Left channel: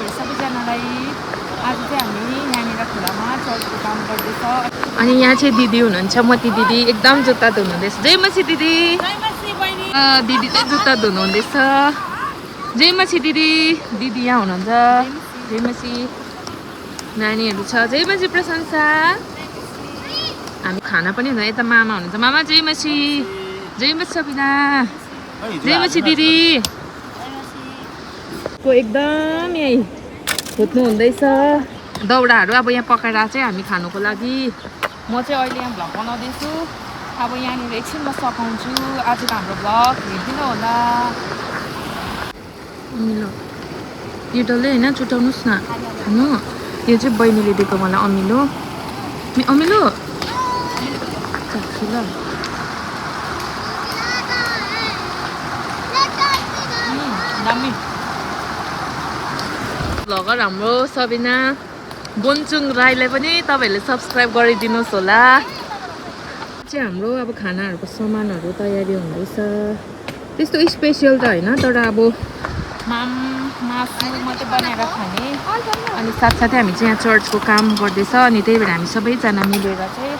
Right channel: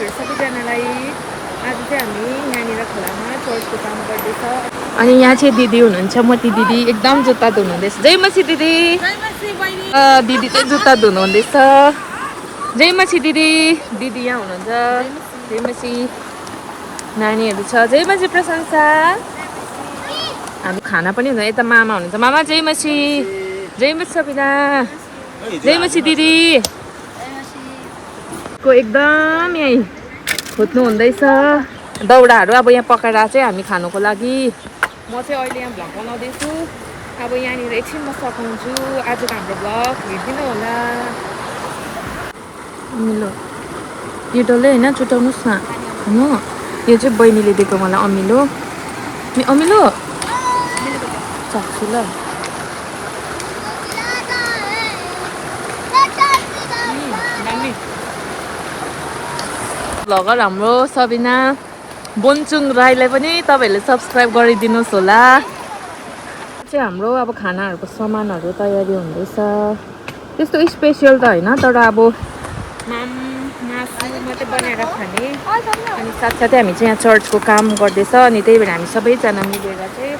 तपाईँहरू सबैजनालाई। आज चाहिँ हामी यहाँनिर खोलामा चर्चको काम गर्दैछ। अनि यहाँ चाहिँ दिदी हुनुहुन्छ, मती दिदी एकदम जुत्ता धुनुहुँदैछ। जय मसी दिदी। दिदी चाहिँ जुत्ता धुनुहुँदैछ। जय मसी दिदी। दिदी यहाँ हुनुहुन्छ। जय मसी। नानीहरू छ। जय मसी प्रशंसा। हामी खाना पनि हुँदैन। यता मामा हुनुहुन्छ। मामा जय मसी। जय मसी सबिना। जय मसी दिदी को एकदम यही खोज्नु हुँदैछ। दाउराहरू अब यहाँ पकाएर चाहिँ हामी खानुको लागि। म चाहिँ अहिले यहाँ भ्लग बनाउँदैछु। अब यहाँनिर एकछिनमा सघाउँछु। आजको हाम्रो भ्लग हेरिदिनु होला। अमिलो यो डल्लै होइन चुटाउनुहोस् न खानु। यो चाहिँ बहिनीले दिएको मलाई अमिलो। अमिलो चाख्छु ल। भ्लगर हाम्रो सबिना बोन्चुङ राईलाई पनि तपाईँहरूले सब्सक्राइब गरिदिनुहोस् होला। चाहिँ हाम्रो अब खानाहरूको सामानहरू तयारी हुँदैछ। त्यस्तो स्पेसियल त होइन, तर अब मासु मात्रै बनाएर खाने। अनि साथसाथै हामी चाहिँ यहाँ चर्चको काम गर्दैछ। अनि त्यही भएर हामी सबैजना मिलेर चाहिँ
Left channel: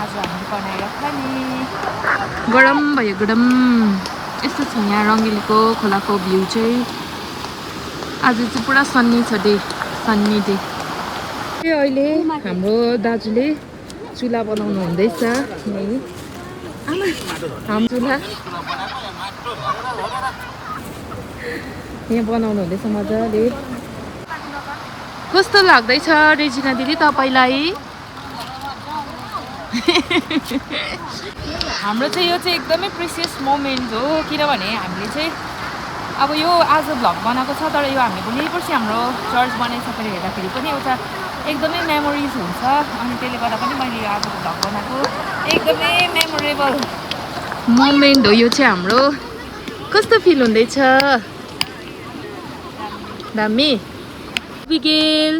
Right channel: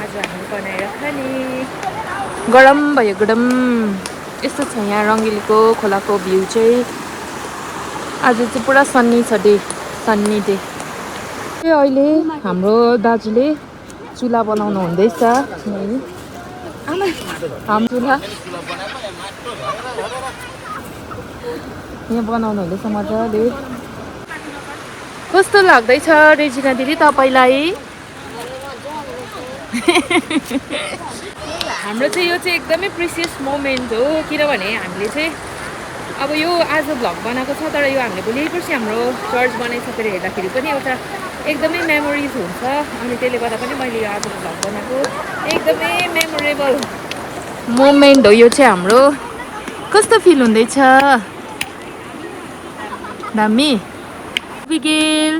आज हामी बनाएर खाने। गरम भयो गरम। यस्तो छ यहाँ रङ्गिलीको खोलाको भ्यू चाहिँ। आज चाहिँ पुरा सन्नी छ डे, सन्नी डे। अहिले हाम्रो दाजुले चुला बनाउनु हुँदैछ। हाम्रो चुला यहाँ बनाउनु हुँदैछ मजाले। कस्तो लाग्दैछ रेजिना दिदी तपाईँलाई? हाम्रो चाहिँ यो चाहिँ एकदमै प्रिसियस मोमेन्ट हो। किनभने हामीले चाहिँ अब यो आज भ्लग बनाएको छ, तर यो हामीले भोलि पर्सि हाम्रो चर्च बनाइसकेर हेर्दाखेरि पनि एउटा एकदमै मेमोरिज हुन्छ। अनि त्यसले गर्दा पनि मैले यो आजको भ्लग बनाएको एकदमै मेमोरेबल मोमेन्ट हो यो चाहिँ हाम्रो। कस्तो फिल हुँदैछ? दामी। बिगिल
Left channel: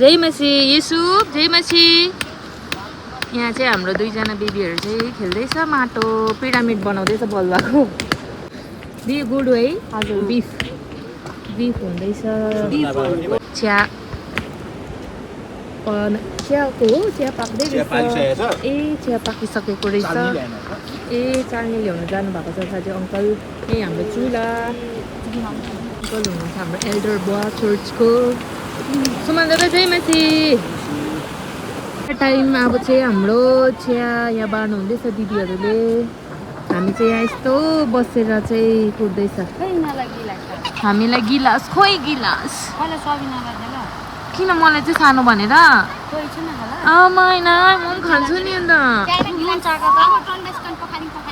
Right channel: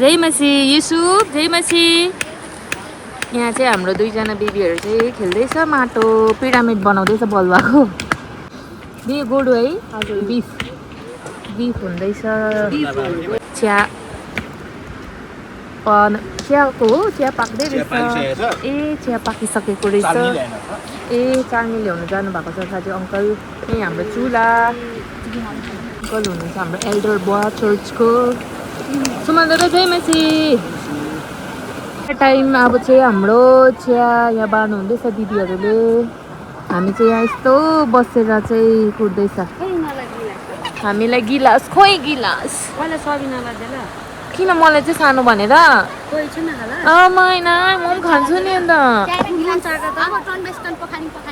जय मसी। युसुफ जय मसी। यहाँ चाहिँ हाम्रो दुईजना बेबीहरू चाहिँ खेल्दैछ माटो। पिरामिड बनाउँदैछ बलुवाको। बिफ गोडु है। बिफ बिफ हुँदैछ। चिया चियाको हो। चिया पाक्दै रहेछ। ए चिया पाकिसकेको रहेछ। ए चानी ल्याउनु जानुभएको छ दाजु अङ्कल। यही हाम्रो चुला। अङ्कल हुनुहुन्छ हाम्रो एल्डर बुवा चर्चको। सुमन दादा जय मसी। टाइम अब चाहिँ हाम्रो चिया यहाँ बार्नु हुँदैछ दिदीहरूले। हामी चाहिँ यहाँ यस्तो बसेर चाहिँ कुर्दैछ। हामीलाई गिलास खोइ गिलास। किन मलाई चाहिँ सानो भनेर? होइन म पनि खान्छु नि अन्त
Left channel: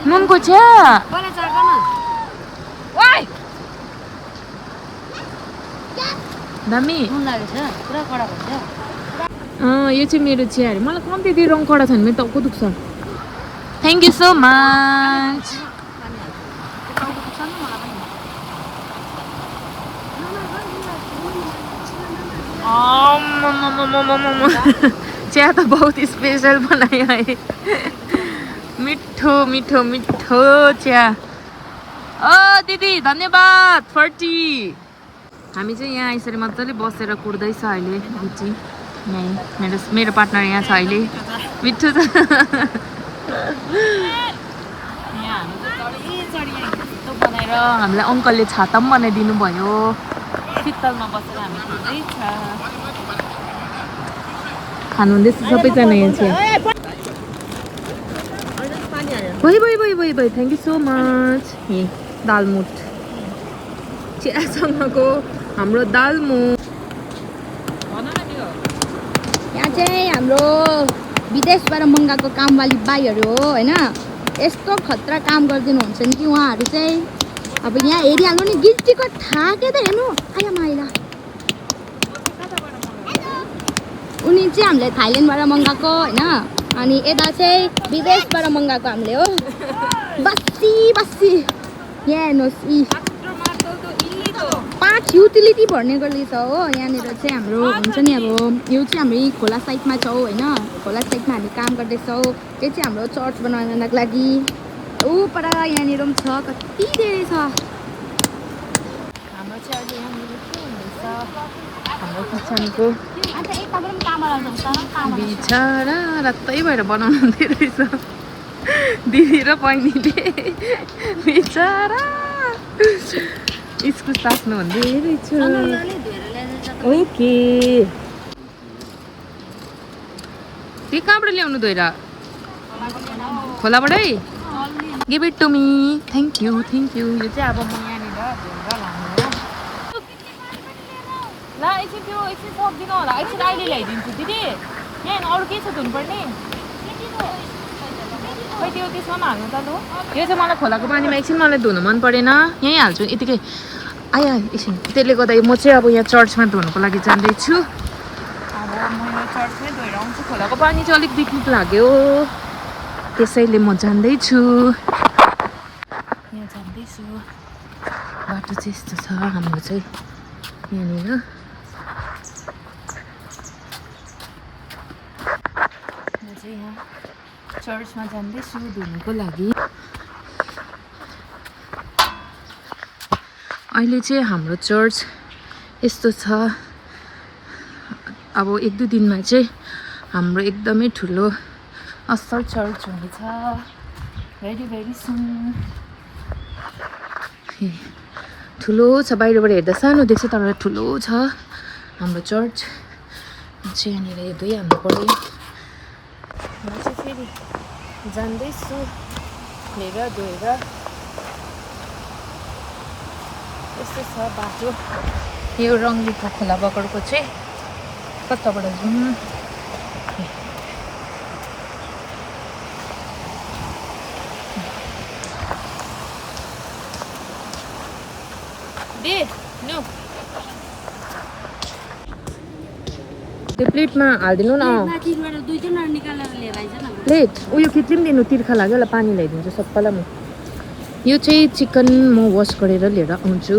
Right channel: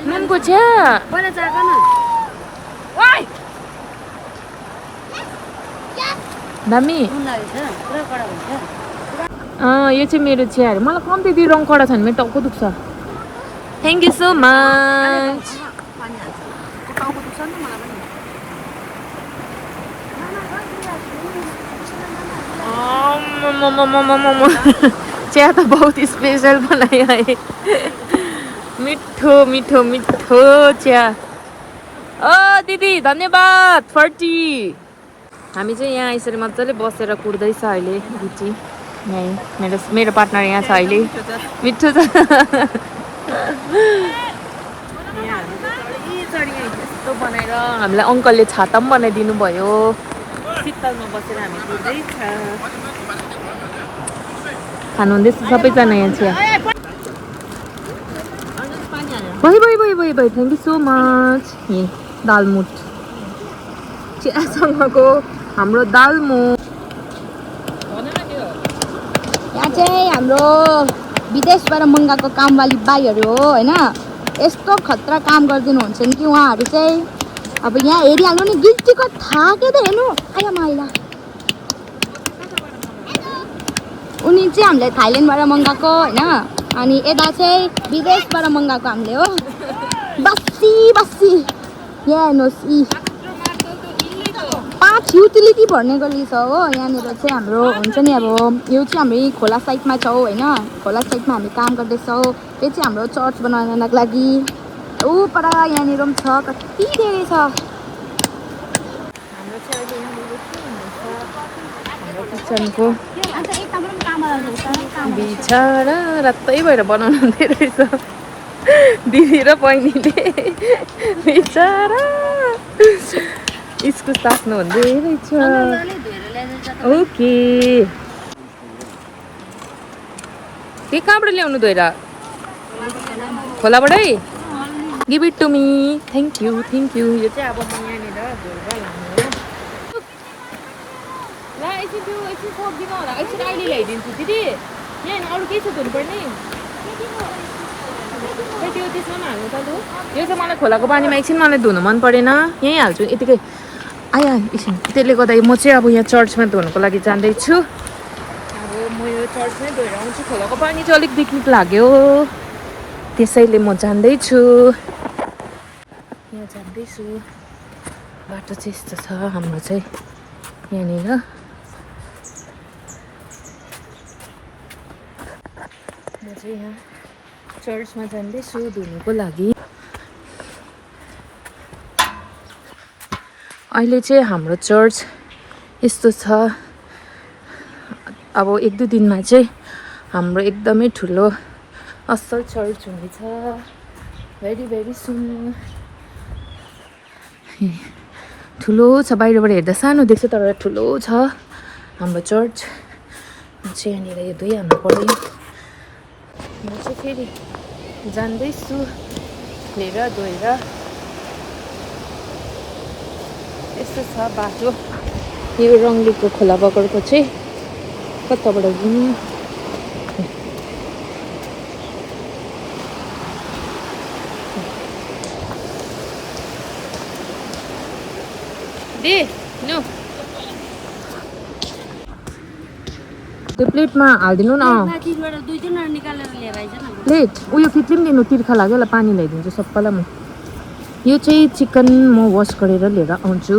नुनको चिया। दामी। यो चाहिँ मेरो चिया अरे। मलाई कम्ती दिएर रङ कडा छ भने मेरो टाउको दुख्छ। Thank you so much. चिया त बहुत स्पेशल बनायो है। मिठो मिठो मिठो चिया। दिदी धन्यवाद फर टी। हामी चाहिँ यहाँ यसरी मजाले बसेर कुर्दैछ अहिले गिटी। यहीँ मेरो पार्टनर यहाँ छ अहिले। मिठो छ। यहाँ हामी चढी यस्तो बनाएर हामीलाई अङ्कलले छाता पनि बनाइदिनु भयो। शीतलमा बसेर हामी कुर्दैछ। खानु हुँदैछ सबैजना यहाँ चिया। भयो थ्याङ्क यू सो मच। दालमुट चियासँगको हाम्रो दालमुट। यहाँ चाहिँ हाम्रो विदेशबाट मगाएको कामवाली बाईहरू हो होइन। यस्तो खतरा काम गरिदिनुहुन्छ नि कि उहाँहरू चाहिँ। अब यहाँ हेरिहाल्नु नि गिल्टीको थाहा के त हेर्नु। आया माइला उनी चाहिँ हामीले थाइल्यान्डबाट मगाएको होइन। अनि यता चाहिँ विदेशबाट मगाएको हामीले हो। बस्सी बस्सी यहाँ हेर्नुहोस्। 5 युटिलिटी भर्ने गरी छ हो यहाँनिर चाहिँ हाम्रो हुन्छ नि। अब यो चाहिँ हाम्रो खोला साइडमा छौँ होइन। खोला साइडमा हामी काम गर्दैछौँ। त्यो चाहिँ हाम्रो चर्च बनाउनको लागि। ऊ पर यहाँनिर पनि छ, कति धेरै छ। हाम्रो चाहिँ अहिले यहाँनिर के हुँदैछ हाम्रो किचनको अन्त एकदमै कामरा रहेछ बिचरा रातै भएर बनाउनु हुँदै रहेछ दिदी र बहिनीले बिचरा इस्कुस ताप्नु हुँदै रहेछ ओके के कहाँबाट ल्याउनु धोएर खोलाबाटै give it to me thank you यो चाहिँ अब म यहाँनिर धोएर लाने हो ल एकछिन त्यो एकछिन सक्दिनँ होला एकछिन अहिले ल्याइदिन्छु दिदी यहाँ अरू के छ धुनुपर्ने खै त्यो त्यसमा हाल्नु त लु यो चाहिँ मलाई खोलाको पानीमा एकछिन मलाई धुनु मन परेन यहीँ हाल्छु यतिकै आया एकछिन त्यसले गर्दा म चाहिँ अब यहाँ चर्चमा धुनुको लागि जाँदैछु अब म यो चर्चमै धोएर आउँछु खोलाको पानी चाहिँ अलिक पिकनिक लाग्यो त्यसैले म जाँदैछु यहाँ जाँदैछु बाटो चाहिँ यस्तो छ हाम्रो चाहिँ यहाँनिर म चाहिँ यहाँ चर्चमा जाँदैछु धुनुको लागि अहिले चाहिँ हाम्रो चर्च यस्तो छ अब 1-2 दिनमा चाहिँ हाम्रो एकदमै ठुलो असल चर्च हुनेछ भेरी सुन ठुलो छ बाहिरबाट हेर्दा सानो देख्छ तर ठुलो छ हाम्रो चर्च चाहिँ यहाँनिर यो दुई हाम्रो पऱ्यो म चाहिँ फेरि जाँदैछु धोएर यस्तो छ बाटो यो रङ्गलीको खोला बगरको चाहिँ कताबाट जाउँ दे नो त्यो प्लेटमा हालिदिनु न प्लेट उयो फिट्री पनि दिनु तिर्खा लाग्यो होला पानी ल्याइदिन्छु सबैलाई म यो चाहिँ चिकन म वास गरेर लिएर आउँछु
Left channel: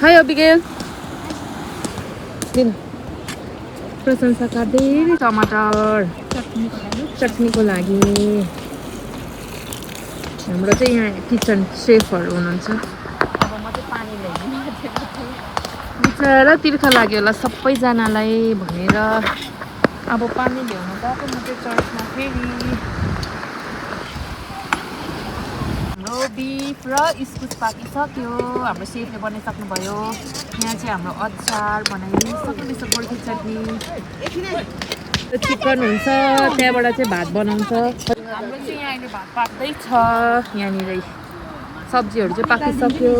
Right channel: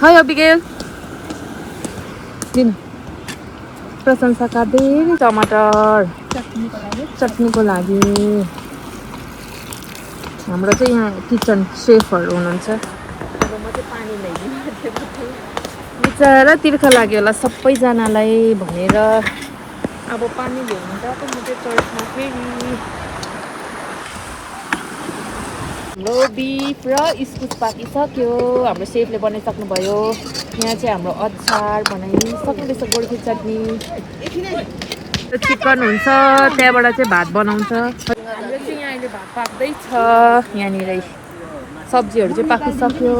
हाई अबिगेल दिनु प्रशंसाका धेरै टमाटर चटनीको लागि हाम्रो चाहिँ यहाँ किचन सेफहरू हुनुहुन्छ बिचरा तिर्खा लाग्यो होला सबैजनालाई भनेर अब पानी ल्याउनु गएको म चाहिँ चर्चमा फेरि हाम्रो बिफ र इस्कुस पाकिसक्यो हाम्रो सेफले बनाइसक्नुभयो यहाँ चाहिँ हाम्रो अचार बनाइसक्दैछ गोर्खे चटनी चिकन हुन्छ त्यहाँबाट चाहिँ भात बनाउँछ हाम्रो चाहिँ यहाँ अहिले भात पाक्दैछ यहाँनिर सब्जीहरू चाहिँ पाकिसक्यो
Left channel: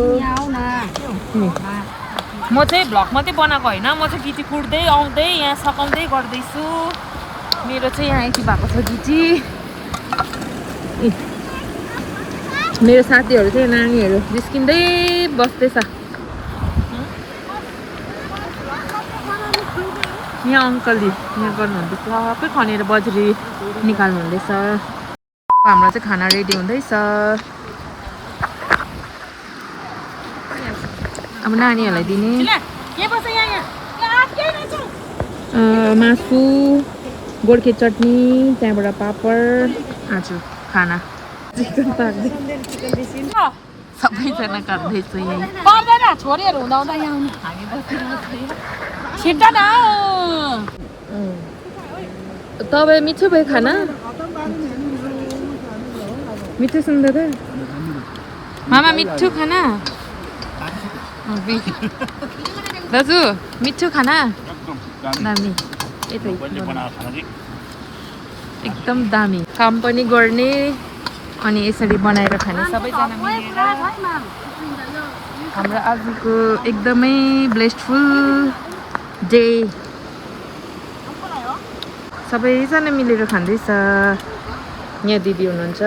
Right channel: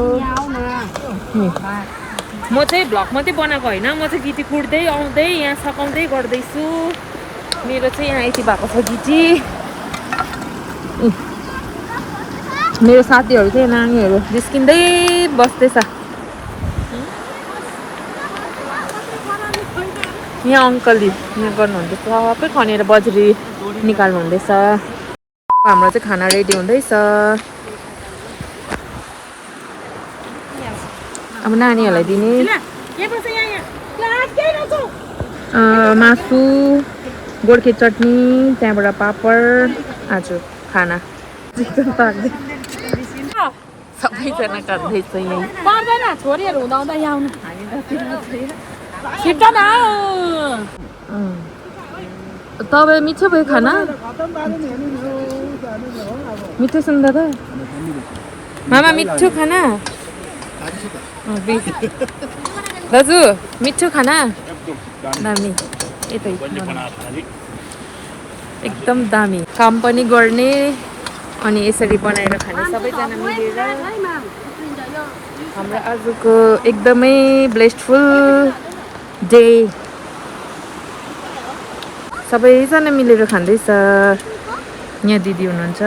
म चाहिँ भ्लग मात्रै बनाएको होइन म चाहिँ गिटी कुट्दै आउँदै यहाँ सकाउँदै गर्दैछु मेरो चाहिँ यहाँ यति भएको छ गिटी मेरो साथीहरू चाहिँ नानीहरू निस्किँदै बस्दैछ यहाँ अङ्कलले यहाँ गर्नुहुँदैछ सबै खनेर बजरी निकाल्नु हुँदैछ हाम्रो चाहिँ खाना रेडी हुँदैछ अब नानीहरूलाई दिने मासु गोर्खे चटनी त्यहाँबाट पापड आज खाना सबैजना खाँदैछ यहीँ पर्दैन छोरीहरू हुँदा यहाँ आउनु छिट्छ न तपाईँ मिठो भयो खाना मिठो सुन दादा मामा मिठो खाना दाजु मिठो खाना दामी एकदम दामी काम पनि गर्ने अनि यसरी बनाएर खाने सबैजना मिलेर हाम्रो आजको एकदमै ब्लेस्डफुल डे सबैजना मिलेर खाँदैछ यहाँ दिदी हुनुहुन्छ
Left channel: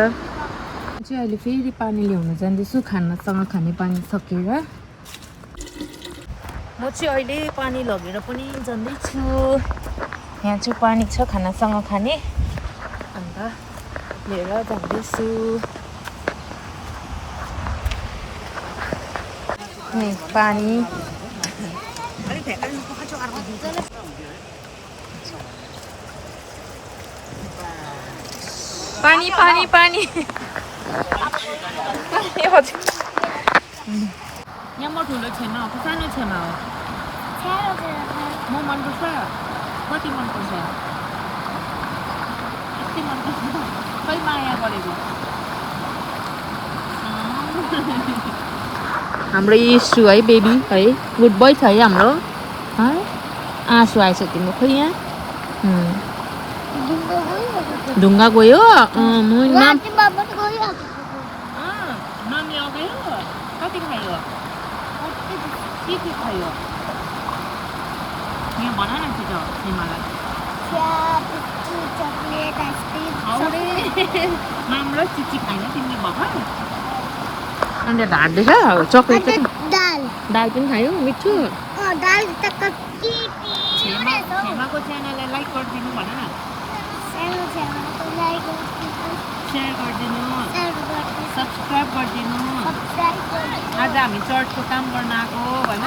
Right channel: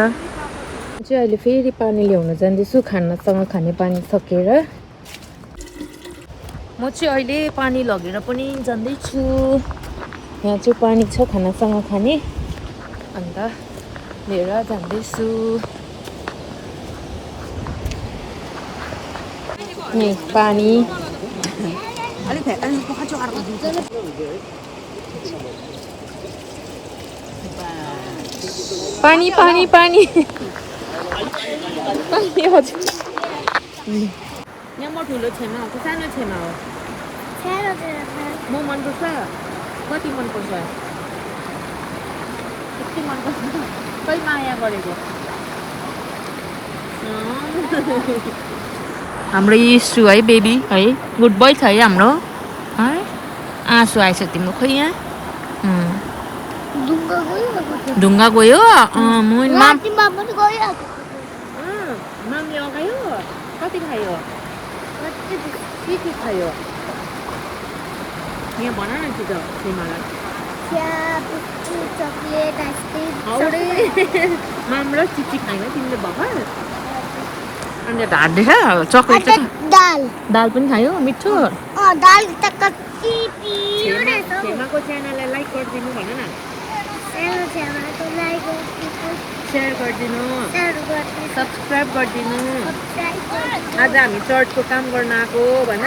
चाहिँ अहिले फेरि पानी ल्याउन जाँदैछु खानासँग खाने पानी सकेर म चाहिँ अहिले पानी लगेर पनि जाँदैछु यहाँ चाहिँ पानी छ खानासँग खाने अन्त लिएर जाँदैछु नि पानी पानी पानी पानी यहाँ म ठुलो छेमा हो कि सानो छेमा हो म मनपर्छ कति मनपर्छ यति मनपर्छ खै माया गरेको हाम्रो यीशु है बेबी है गुड बोय छ है हाम्रो है आँसु आएछ तिम्रो खै यहाँ ढुङ्गा गयो नामले अगायो कति खायो के खायो यहाँ भन न कि त हिमालय माम र चिची खाइन तिमीले भर्खर अनि ढाड्दैछ चक्लेट दाल पनि खायो मिठो छेमाको च्यानललाई लाइक गरिदिनु भन न सेयर गरिदिनु सब्सक्राइब गरिदिनु आज हामी चर्चको काम गर्न आएको भन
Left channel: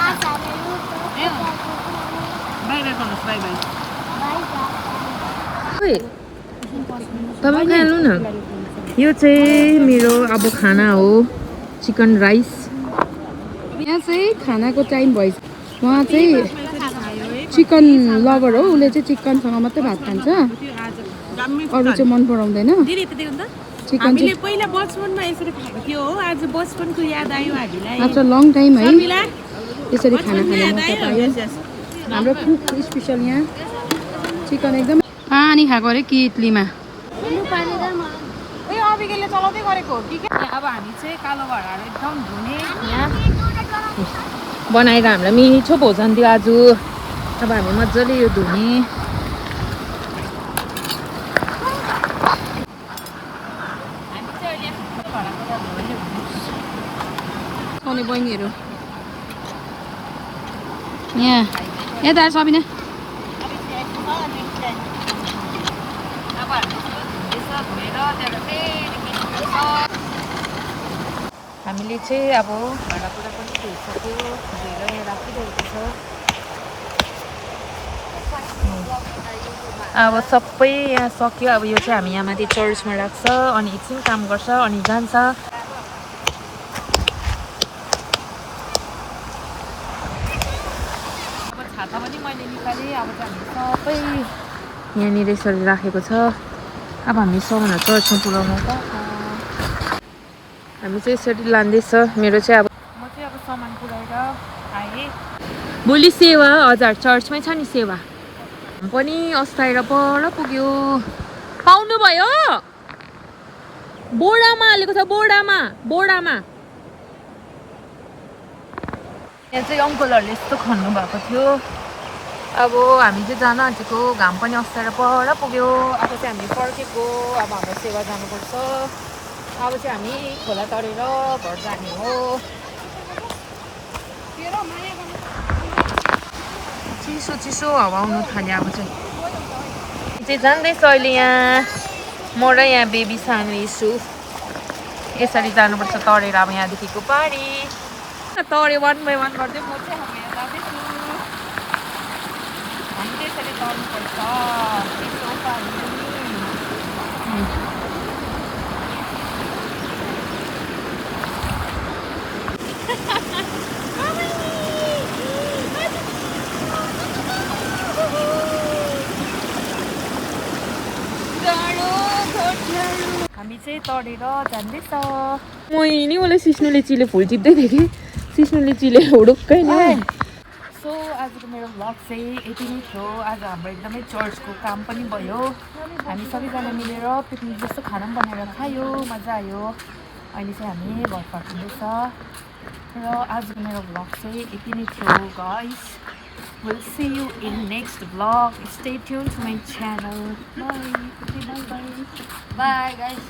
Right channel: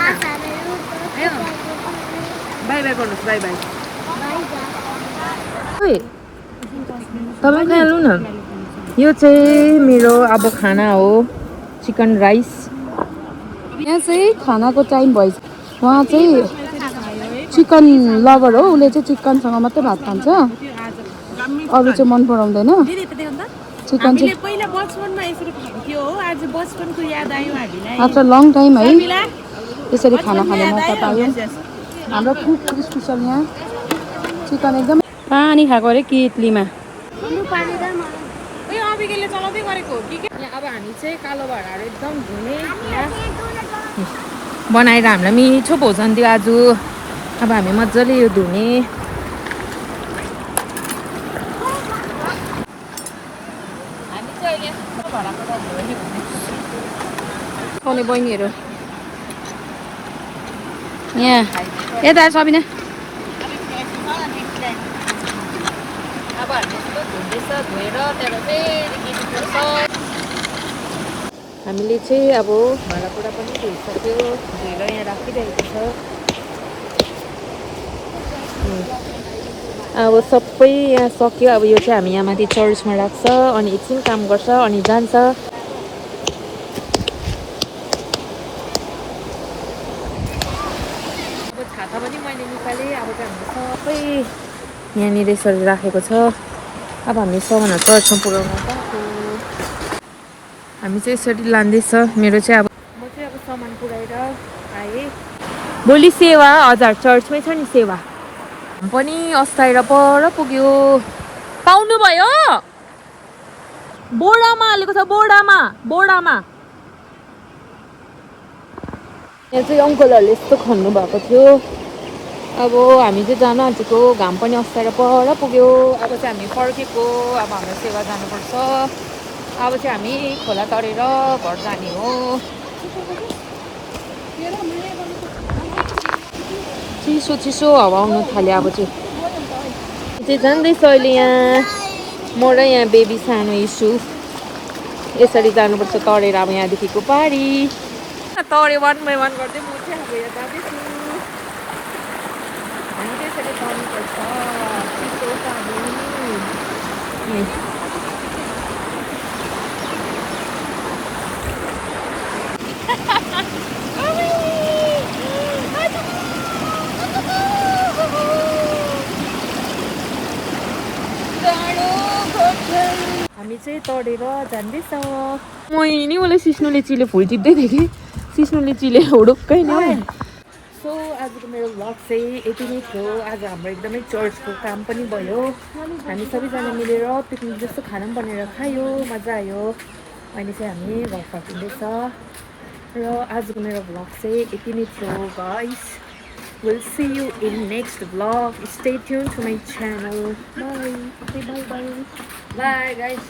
बाई बाई गर्नुहोस् बाई बाई तपाईँ खानु न यो चाहिँ मेरो अब खाना हो चिकन राइस यहाँ चाहिँ खानाको टाइम भइसक्यो उहाँ चाहिँ चिकन लभर हो उसले चाहिँ चिकनसँग मात्रै भात खान्छ अरू चाहिँ मन पराउँदैन चिकन चाहिँ पहिला बचपनमा यसरी खाएको थियो हो आज बचपनको याद आयो हामीलाई आफ्टर लङ टाइम है यसरी खाना खाने मौका पायो हाम्रो कुक स्पेसल यहाँ चिकन एकदम पानी खाएको अरे कितलीमा ए अबिगेले चलाउँदै गरेको हो कि अब हामी चाहिँ कालो भाँडाहरू एकदम धुने यहाँ बनाएर हामीलाई मिठो भोजन दियो आज अब हामी मजाले यो धुने हामी चाहिँ अहिले भाँडाको त धोयो आउने बहिनीहरू यहाँ यता सबिना अब हामी धुँदैछ धोएर त्यहाँबाट फेरि किन्नु पर्छ हामीले चाहिँ अब भाँडाकुँडा पनि धोइसक्यो धोएर यहाँ राखिरहेको छ अब सबै यहाँ सक्यो अब यो चाहिँ हामी यहाँ माथि चर्चमा राख्छ अनि एकछिन काम गर्छ अनि जान्छ अब छाता पनि मैले निकालेँ अब चाहिँ हामीले सबै यहाँनिर यसरी राखेको छ अब हामी सामानहरू चर्चमा पुऱ्याउनु गएको हामी चाहिँ यसरी लाँदैछ मेरो चाहिँ अब म चाहिँ अब सामान पुऱ्याएर आएँ भोलि सेवा हजुर चर्चमै छ नि सेवा पनि अस्ताएर पर पुग्यो पाउनु भयो बोडामा हालेको छ बोडामा यहाँ चाहिँ अङ्कलहरूले यस्तो खन्नु भएको थियो अब हामी चाहिँ जान आँटेको घाम पनि अस्ताएर पर पुग्यो अब चाहिँ हामी फर्केको अब हाम्रो सेवा जानुपर्छ अब चाहिँ हामी खोला तरेर घर जाने हो चिसो हावा आउनु थाल्यो अब चाहिँ जाँदैछ अहिले यहाँ म र यहाँ बेबी सानो इस्यु यसरी जानुपर्छ तरेर अब यहाँदेखिको पारी तरे वान गर्दै म चाहिँ अब यहाँ जाँदैछु हामी त्यसरी तर्नुपर्छ चिसो पानी हामी चाहिँ तरेर जाँदैछ मैले उसले सिस्नुले चिले फुल टिप्दै थिएँ कि सिस्नुले चिले हुडुक्कै नि सो आजको मेरो भ्लग चाहिँ यति नै थियो आज हाम्रो एकदमै चर्चको काम पनि भयो हामी सबैजना मिलेर पिकनिक जस्तो खाना पनि बनेर खायो मजा आयो अहिले चाहिँ हामी घर फर्किँदैछ र आजको मेरो भ्लग चाहिँ यति नै थियो guys we'll see you in next vlog stay tuned to my channel bye guys